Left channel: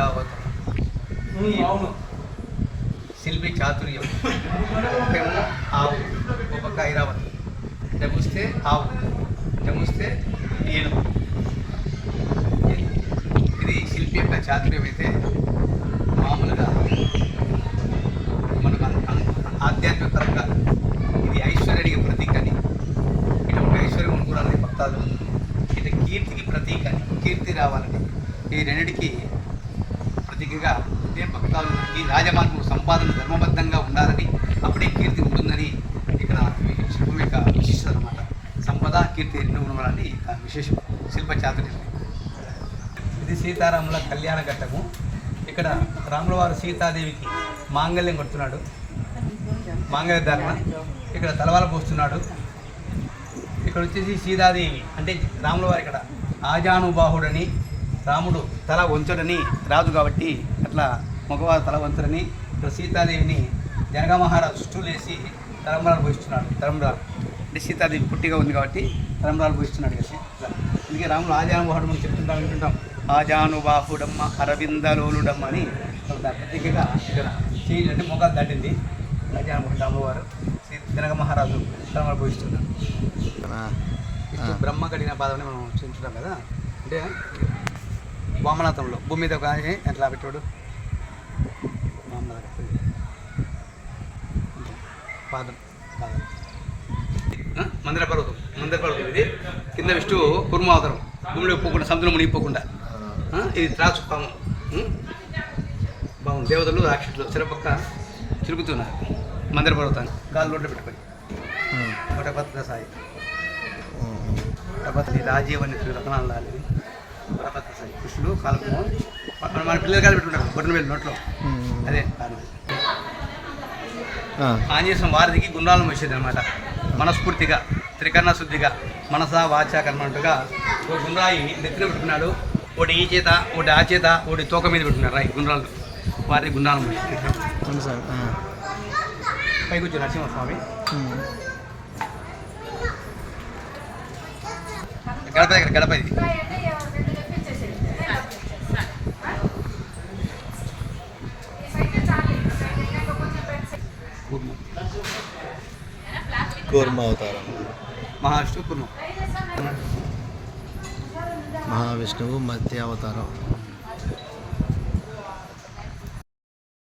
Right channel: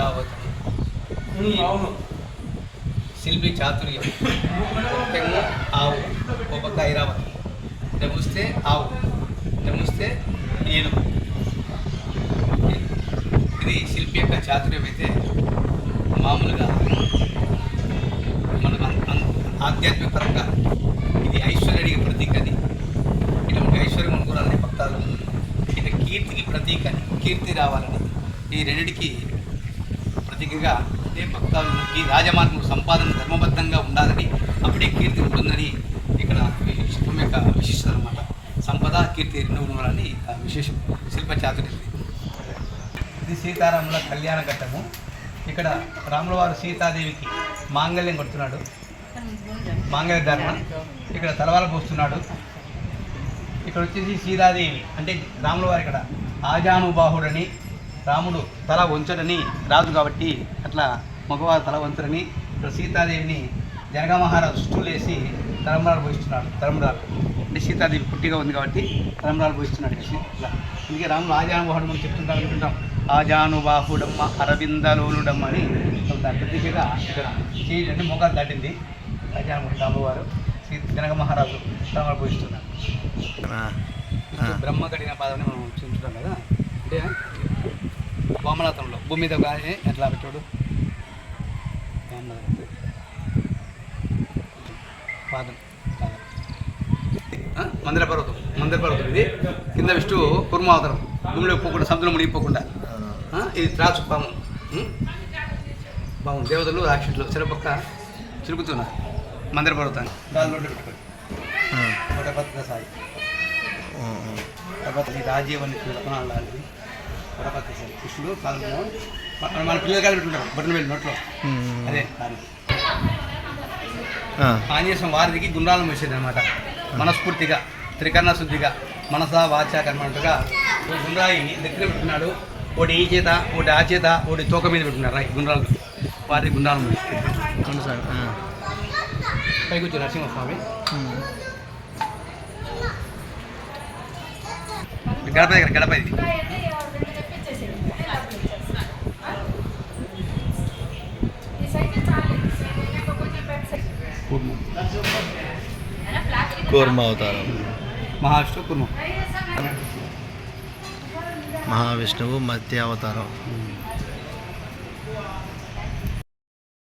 ఐరావతం అవును. శిల్పి చాతుర్యం. ఒకేమో ఆవు ఒక పక్క ఐరావతం డెముస్తే ఆవు డెముస్తే ఏనుగు. ఇది శిల్పి యొక్క చాతుర్యం అయితే మామూలుగా మనకు అన్- అన్- ఆధ్యాత్మిక పరంగా ఇది ఐశ్వర్యానికి ప్రతీక అది ఇటువంటి ఐశ్వర్యం అనుకున్నారని భక్తాలు. ఇది కీర్తికి ప్రతీక అని. కీర్తి రావాలన్నది. ఈ రెండిటికి ప్రతీకగా ఇదే భక్తాలు ఈ రాజమార్గం సంపాదన ధర్మబద్ధంగా ఉండాలని అప్పుడే కీర్తి ఉంటుందని ఇక్కడ శిల్పం యొక్క విశిష్టత అనమాట సంపద కీర్తి రెండు ఉండాలని ఆ విశేషం శిల్ప చాతుర్యం ఇది సీతారాముల కళ్యాణ ఘట్టము. ఇక్కడ రాములవారు సీతాదేవికి మాంగళ్యం కొడుతున్నాడు. మాంగళ్య ధర్మ ఇక్కడ తలవాల పోస్తున్నాడు. ఇక్కడ వచ్చేసి సీతాదేవి. అంటే రాములవారు ఇక్కడ ఆజానుబాహుడని రాముడు తల వంచడని రాజు కాబట్టి అట్లా మగవారు తల వంచడని ఇక్కడ సీతాదేవిని జనక మహారాజు స్టూలేసి తలంబరాలు పోయిస్తున్నాడు తలంబరాలు. అంటే సీతాదేవి పుట్టిగా ఉంది కాబట్టి తలంబరాలు పోయిస్తున్నాడు కదా ఇట్లా అందుకే రాముడు ఆజానుబాహుడు అని చెప్తుంటాం వింటుంటాం. ఆజానుబాహుడమ్మ అరవిందలోలుడమ్మ అని దాని ప్రత్యేకగా ఇక్కడ చేయి అంటే మొగాలు దాటింది ఆజానుబాహుడు రాముల వారు శ్రీ జనక మహారాజు తలంబరాలు పోయిస్తున్నాడు. ఇప్పుడు బ్రహ్మ కడిగిన పాదం మనం చూస్తుంటాం కదా. అంటే వామనాథంలో భూమి మీద కానీ ఎట్లా పెట్టాడు? పాదం పాదం. ఆ? మందిర పర్వతం మందిర పర్వతం ఇది. కింద విష్ణు కుర్మావతారం. భూమిలో పోకుండా సముద్రం మునిగిపోకుండా? ఇది త్రాసు పాము? బాగుంది దేవతలు రాక్షసులు చెరపక్క తిరుగుతున్నారు. మందిర పర్వతాన్ని. గాలి రోడ్డు పెట్టుకొని. సాయి. తర్వాత రాజీవ్ అనే రకనాలు కృష్ణుడు కాలము మన పిల్లలు కాలు పెట్టుకుంటారు బొట్టన వెళ్ళి నోట్లో. అదే కారణం. ఆంజనేయ వారిదికి గుండ్రాలను వచ్చేది అనమాట మనస్ఫూర్తిగా త్రికరణ శుద్ధిగా మనస వాచ కర్మట్టుగా ఓ గుండ్రాయి నెత్తిన పెట్టుకున్నాడు. ఒకటి ఈ చేత ఒకటి ఆ చేత ఒకటి తోక మీద పెట్టుకున్నారు. రాయి గుండ్రాలు. వారి గుండ్రాలు పైకి వచ్చి నరసింహస్వామి. గడప దగ్గర గడప ఇది. కూర్మ అవతారం. మహావిష్ణు కుర్మం. మహావిష్ణువు మత్స్య అవతారం.